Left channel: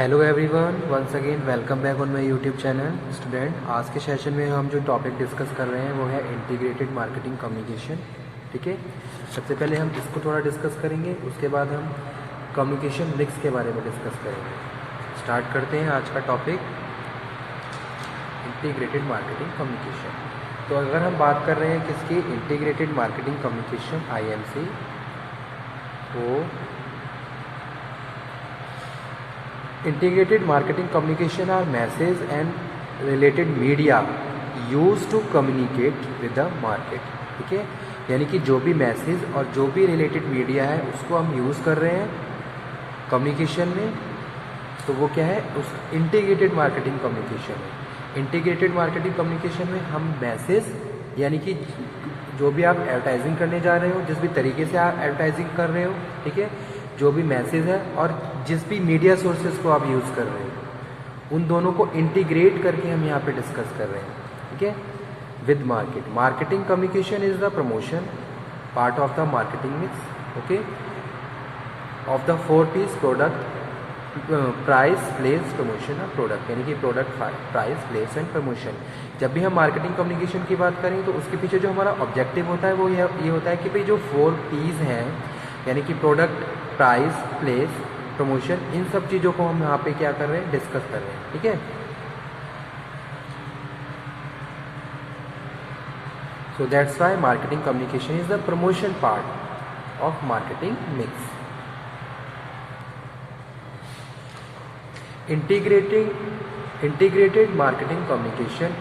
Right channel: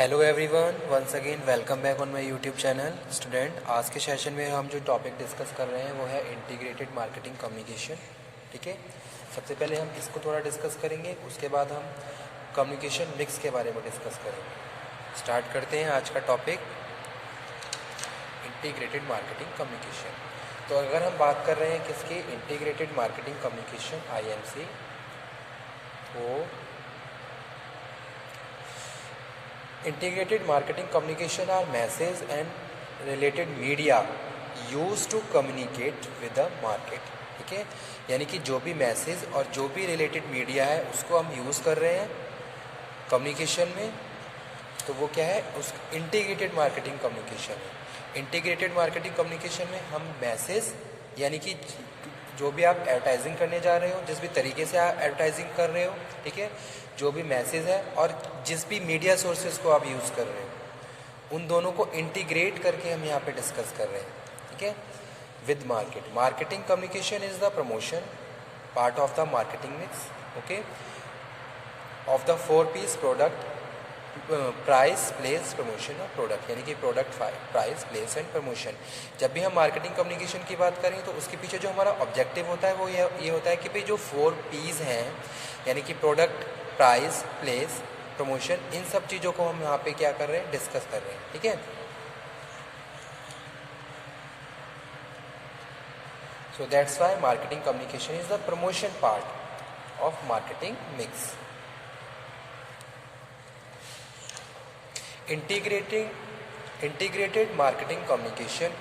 Hello everyone, once again welcome back on my YouTube channel student. आज के session में हम जो टॉपिक डिस्कस कर रहे हैं वो है इंटीग्रेटेड मार्केटिंग कम्युनिकेशन। ठीक है, सबसे पहले हम इसको थोड़ा डिस्कस करेंगे, उसके बाद हम कम्युनिकेशन मिक्स के बारे में डिस्कस करेंगे। स्टार्ट करते हैं आज का टॉपिक, इंटीग्रेटेड मार्केटिंग कम्युनिकेशन। तो अगर हम बात कर रहे हैं किसकी, इंटीग्रेटेड मार्केटिंग कम्युनिकेशन IMC, तो integrated marketing communication are message and related media used to communicate with the market। ठीक है, यानी कि जो भी मैसेज और जो भी रिलेटेड मीडिया है उसको हम यूज़ कर रहे हैं कम्युनिकेशन में, तो वो क्या है, उस इंटीग्रेटेड मार्केटिंग कम्युनिकेशन है। इंटीग्रेटेड मार्केटिंग कम्युनिकेशन में हम मैसेज, यानी कि जो भी आप एडवर्टाइजिंग करने जा रहे हो, जिस भी तरीके से आप एडवर्टाइजिंग कर रहे हो, ठीक है, जो भी मैसेज है और जिस भी मीडिया सोर्सेज को आप यूज़ कर रहे हो, उन दोनों को इंटीग्रेट करके हम यहाँ पे डिस्कस कर रहे हैं। ठीक है, with market. Marketing communication is the promotion part of the marketing mix, okay, of the 4 P's product, price, place, promotion of product, यानी कि product, price, place and promotion. जब भी हम मार्केटिंग कम्युनिकेशन की बात करें तो उसके पीछे जो हमारा ऑब्जेक्टिव होता है वो ये होता है कि भाई जो 4 P's हैं, यानी कि प्रोडक्ट, प्राइस, प्लेस, प्रमोशन, इन सब चीज़ों को हम यहाँ पे क्या कर रहे हैं, डिस्कस कर रहे हैं। ठीक है, so that's why marketing communication is the promotion part of marketing mix. integrated marketing communication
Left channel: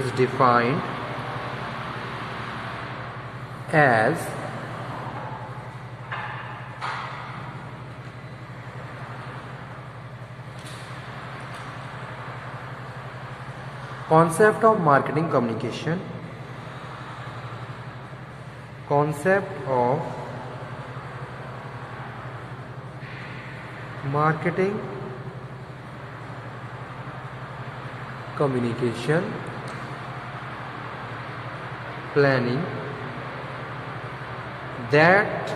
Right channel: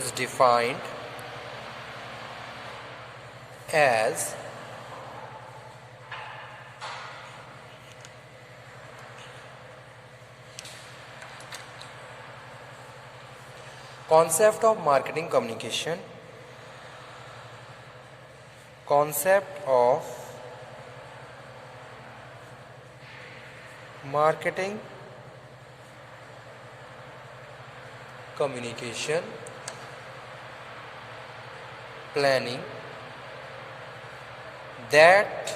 is defined as concept of marketing communication, concept of marketing communication planning that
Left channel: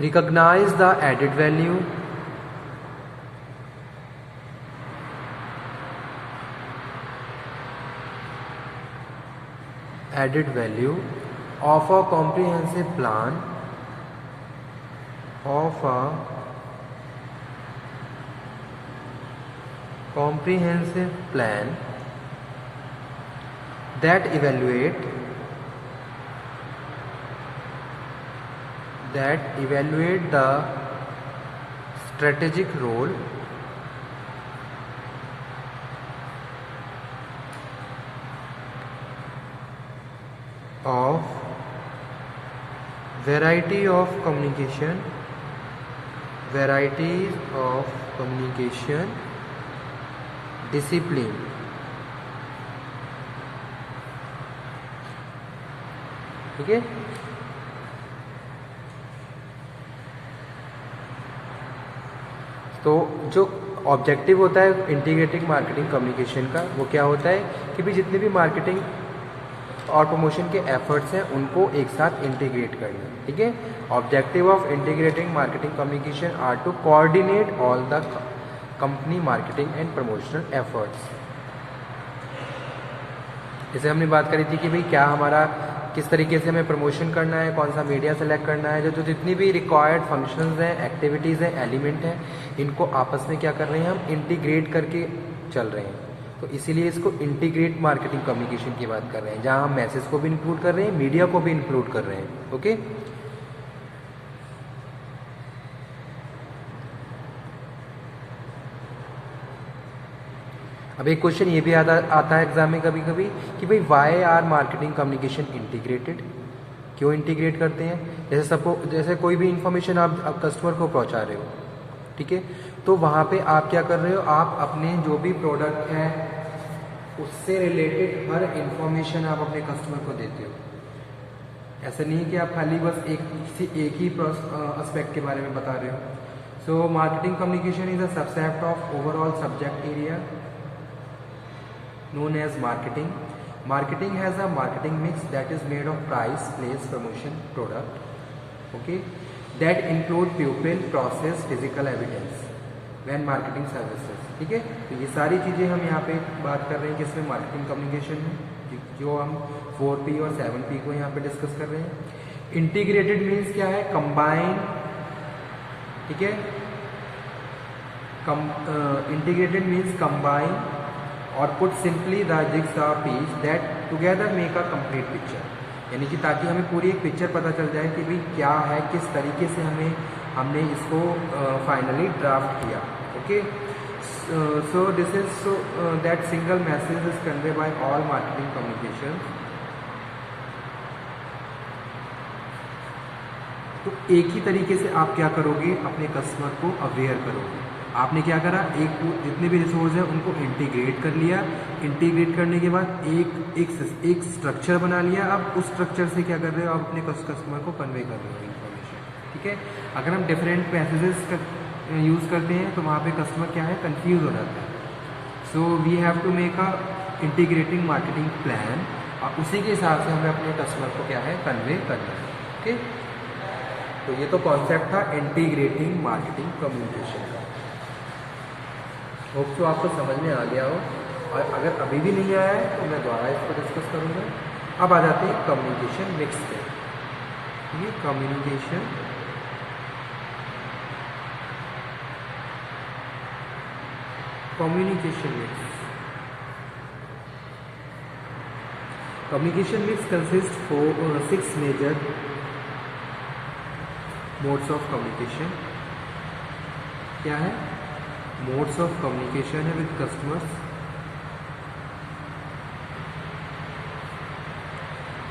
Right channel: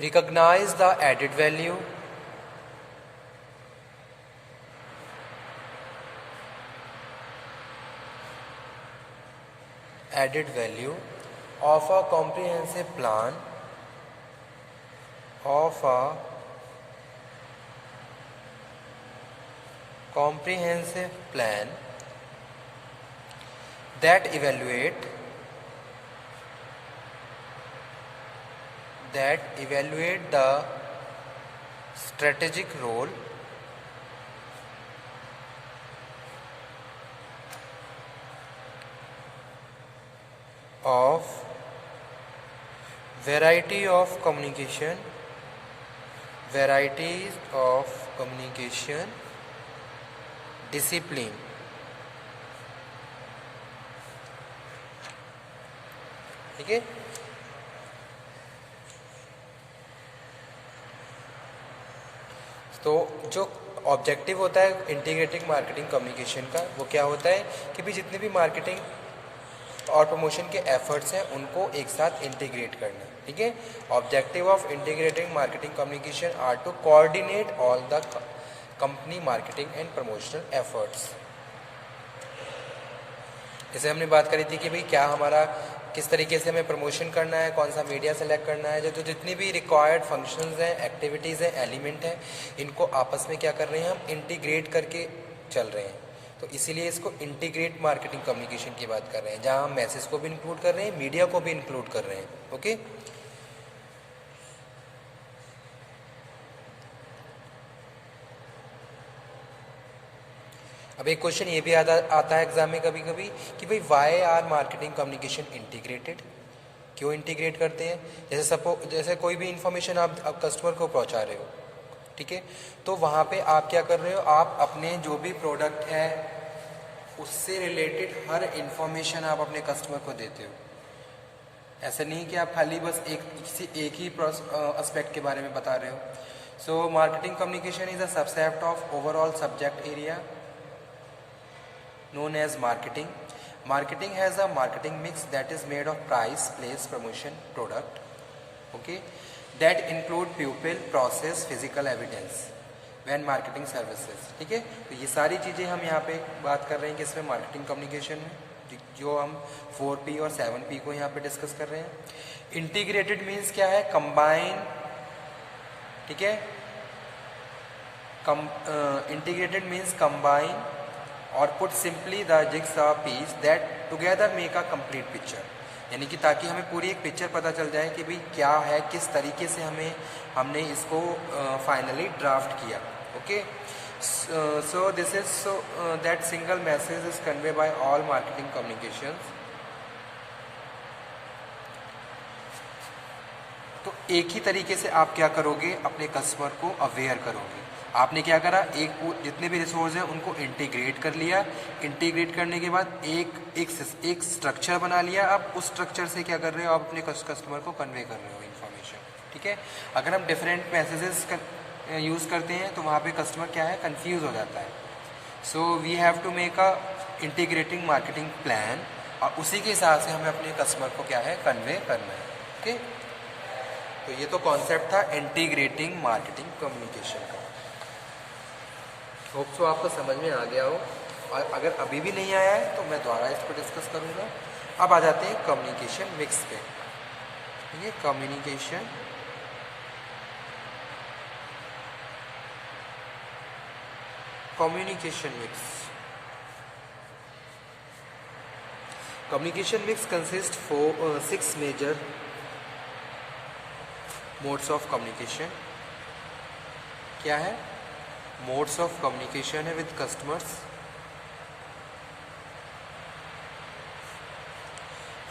recognize the added value of a comprehensive plan that evaluate the strategic role of varieties of communication discipline। ठीक है, तो जो objective होता है integrated marketing communication का, वो क्या होता है कि भी जितने भी मार्केटिंग और प्रमोशन के एफर्ट्स हैं उनको एक साथ इंटीग्रेट करना। ठीक है, objective of integrating marketing communication are to coordinate all the company marketing and promotional efforts. जैसे हमने बात करी थी कि भाई क्या हमारा किस तरीके से हमें प्रमोशन करना है, कौन सा मीडिया सेलेक्ट करना है, जो जितनी भी रिक्वायर्ड फंक्शंस हैं, एक्टिविटीज़ हैं, एलिमेंट हैं, इनको आपस में क्या कर रहे हैं, हम इंटीग्रेट करके चल रहे हैं। तो इसीलिए इसको इंटीग्रेट मार्केटिंग कम्युनिकेशन की बात कर रहे हैं, जहां हम मैसेज को भी इंक्लूड कर रहे हैं, मीडिया को भी इंक्लूड कर रहे हैं। ओके, अब एक क्वेश्चन ये भी आता है एग्जाम में कभी कभी कि भाई why are marketing communication integrated, क्यों इंटीग्रेट करते हैं। जैसे कोई भी इंफॉर्मेशन आप कस्टमर को पहुंचा रहे हो, ठीक है, तो वहाँ पे आप क्या कर रहे हो, आप अपने जो भी प्रोडक्ट है उससे रिलेटेड हर इंफॉर्मेशन आप अपने कस्टमर को देते हो। ऐसा नहीं कि आप खाली बस एक ही एस्पेक्ट के बारे में बता रहे हो। So marketing communication is a subset of overall subject area known as marketing, Marketing has a marketing mix that is made of price, place, promotion, product. Okay, that include people, process, physical evidence when marketing services. ठीक है, तो ये सारी चीज़ें हम यहाँ पे बात कर रहे हैं कि इसमें मार्केटिंग कम्युनिकेशन में जो हम 4P और 7P को यहाँ पे डिस्कस कर रहे हैं। इंटीग्रेटेड मीन्स क्या है? कंबाइन, ठीक है, इंटीग्रेटेड मीन्स कंबाइन और put simply the jigsaw piece that together make a complete picture, यानी कि ताकि हमें पूरी एक पिक्चर पता चल जाए कि भाई क्या है, किस तरीके से हमने इसको फाइनली ड्राफ्ट किया। Okay, so this is that single message is convey by all marketing communication. तो एक ही तरीके से आप क्या करोगे, अपने कस्टमर को अवेयर करोगे। आपने क्या करा, जितने भी रिसोर्स हैं उनको इंटीग्रेट कर लिया। इंटीग्रेट करने के बाद एक स्ट्रक्चर बना लिया। अब उस स्ट्रक्चर से क्या कर रहे हो, आप अपने कस्टमर को कन्वे कर रहे हो इन्फॉर्मेशन। ठीक है, अगर हम डिफरेंट मैसेजेस यूज़ करते हैं तो वहाँ पे कस्टमर क्या है, कंफ्यूज हो जाता है। So we have to make a integrating marketing plan, और उसी के हिसाब से हमें अपने कस्टमर को क्या है, कन्वे करना है। ओके, तो ये तो कॉन्सेप्ट था इंटीग्रेटिंग मार्केटिंग कम्युनिकेशन का। होप सो आपको समझ में आ गया हो, और अगर अभी भी नहीं आया है तो मैं दोबारा इसको डिस्कस करूँगा। अब आ जाते हैं कम्युनिकेशन मिक्स पे। ठीक है, communication mix. Communication mix consist 6 major modes of communication. क्या है? मोड्स ऑफ कम्युनिकेशन है विद कस्टमर्स।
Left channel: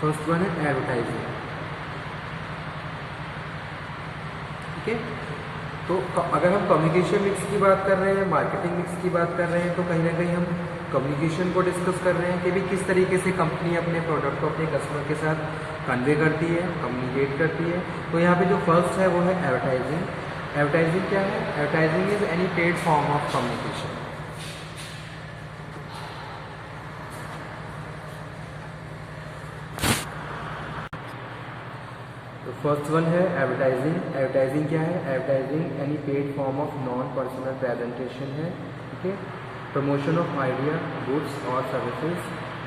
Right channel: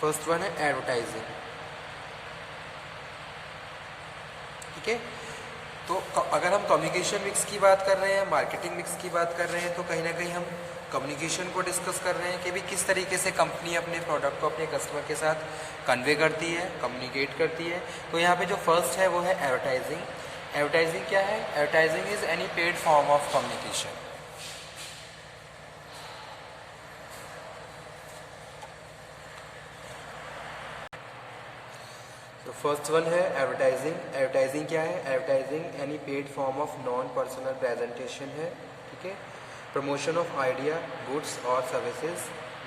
फर्स्ट वन है एडवर्टाइजिंग। ठीक है, तो अगर हम कम्युनिकेशन मिक्स की बात कर रहे हैं, मार्केटिंग मिक्स की बात कर रहे हैं, तो कहीं ना कहीं हम कम्युनिकेशन को डिस्कस कर रहे हैं कि भी किस तरीके से कंपनी अपने प्रोडक्ट को अपने कस्टमर के साथ कन्वे करती है, कम्युनिकेट करती है। तो यहाँ पे जो फर्स्ट है वो है एडवर्टाइजिंग। एडवर्टाइजिंग क्या है? Advertising is any paid form of communication. तो फर्स्ट वन है एडवर्टाइजिंग। एडवर्टाइजिंग क्या है? Advertising any paid form of non personal presentation है। ठीक है, प्रमोशन ऑफ आइडिया, गुड्स और services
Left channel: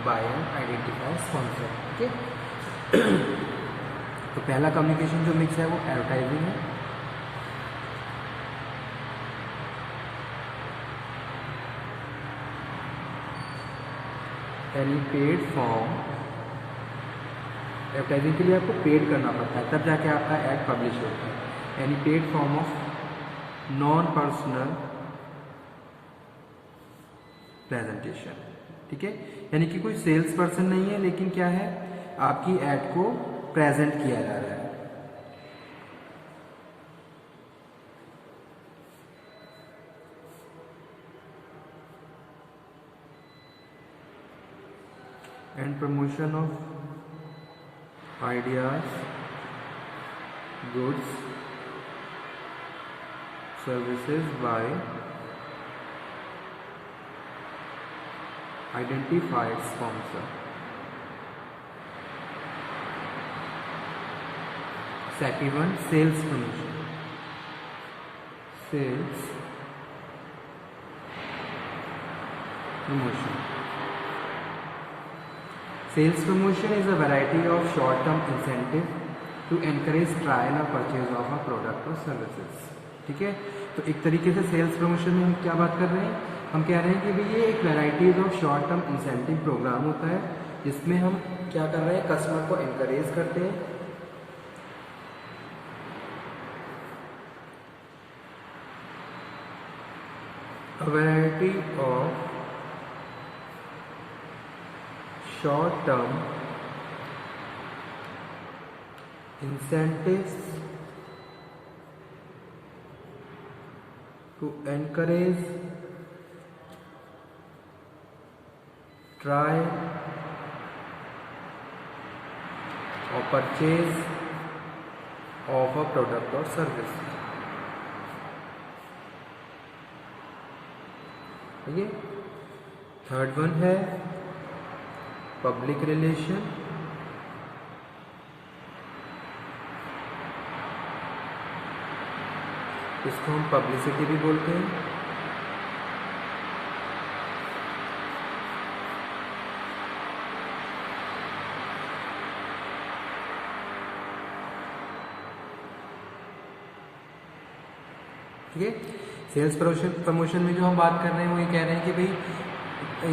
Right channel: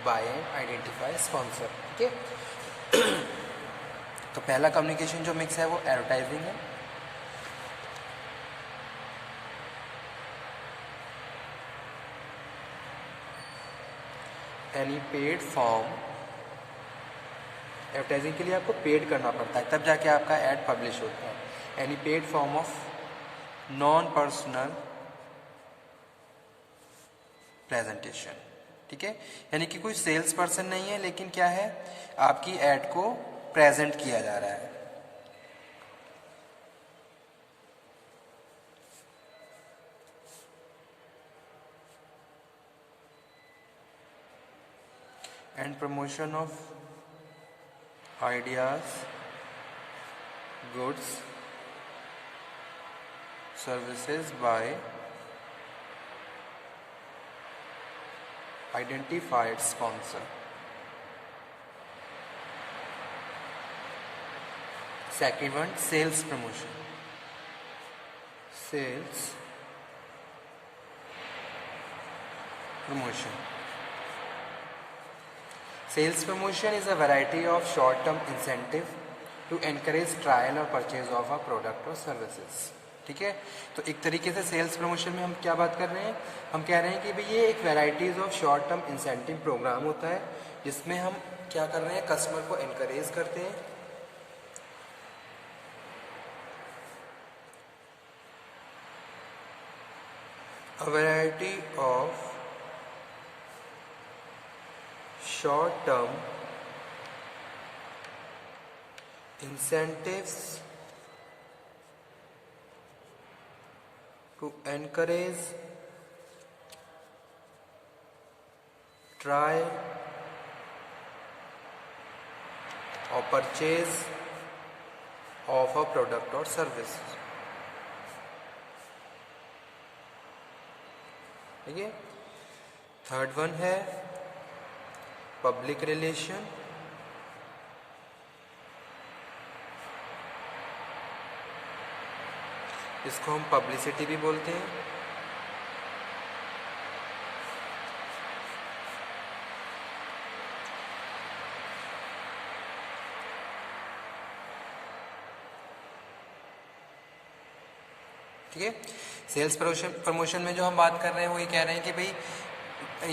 by an identify sponsor. ठीक है, तो पहला कम्युनिकेशन जो मिक्स है वो एडवर्टाइजिंग है। एनी पेड फॉर्म, एडवर्टाइजिंग के लिए आपको पेड करना पड़ता है, तब जाके आपका ऐड पब्लिश होता है। Any paid form of non personal presentation. ठीक है, यानी कि कोई सेल्स पर्सन नहीं है, लेकिन क्या है, आपकी ऐड को प्रेजेंट किया जा रहा है। And promotion of ideas, goods, services by identified sponsor. Second one, sales promotion. Sales promotion. Sales promotion is a variety of short-term incentive to encourage trial or purchase of a product or services. ठीक है, तो एक तरीके से sales promotion में हम क्या बात कर रहे हैं, हम कह रहे हैं कि भाई ये एक varieties of short term incentive programme होता है, जिसमें हम क्या कर रहे हैं, कस्टमर को एनकरेज करते हैं a variety of short-term incentives to encourage trial or purchase of a product or service. ठीक है, थर्ड वन है पब्लिक रिलेशन, इसको हम पब्लिसिटी भी बोलते हैं। ठीक है, सेल्स प्रमोशन में जो हम बात कर रहे हैं वो ये कह रहे हैं कि भाई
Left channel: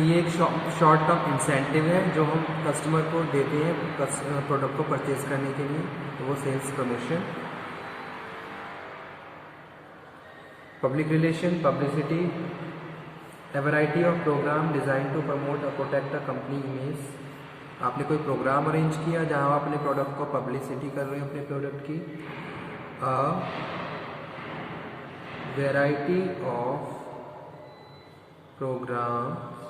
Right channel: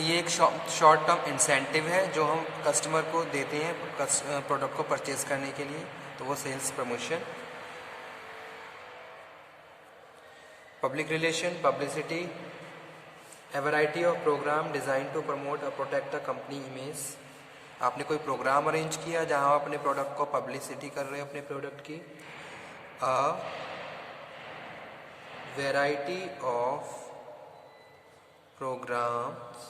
ये एक शॉर्ट टर्म इंसेंटिव है जो हम कस्टमर को देते हैं प्रोडक्ट को परचेज करने के लिए, तो वो sales promotion. Public relation, publicity, a variety of programme design to promote और प्रोटेक्ट द कंपनी इमेज। आपने कोई प्रोग्राम अरेंज किया जहां आप अपने प्रोडक्ट को पब्लिसिटी कर रहे हो अपने प्रोडक्ट की। Variety of programs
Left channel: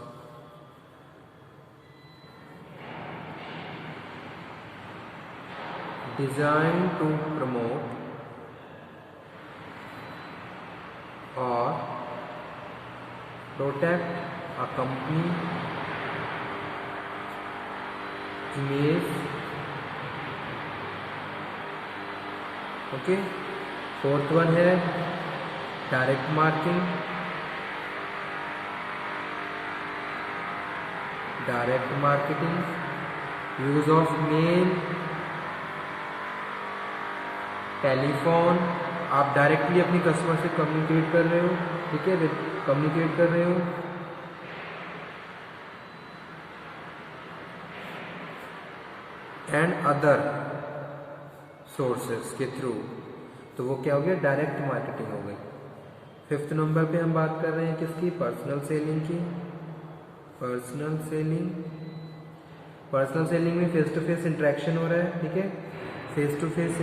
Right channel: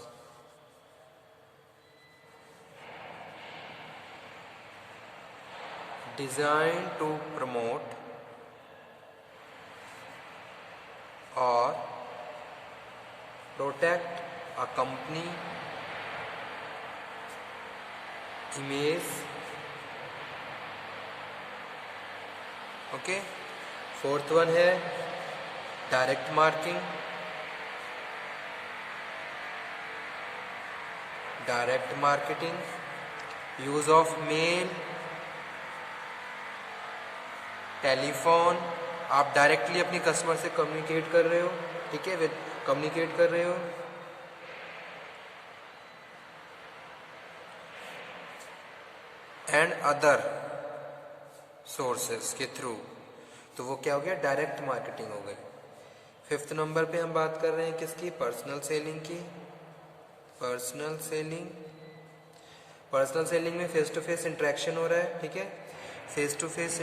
design to promote और protect a company image. Okay, fourth one है direct marketing, use of mail, telephone. आप डायरेक्टली अपनी कस्टमर से कम्युनिकेट कर रहे हो, ठीक है, कम्युनिकेट कर रहे हो। एंड अदर सोर्सेस के थ्रू, तो वो क्या हो गया, डायरेक्ट मार्केटिंग हो गई। फिफ्थ नंबर पे हम बात कर रहे हैं किसकी, पर्सनल सेलिंग की। पर्सनल सेलिंग में फेस टू फेस इंटरेक्शन हो रहा है, ठीक है, फेस टू फेस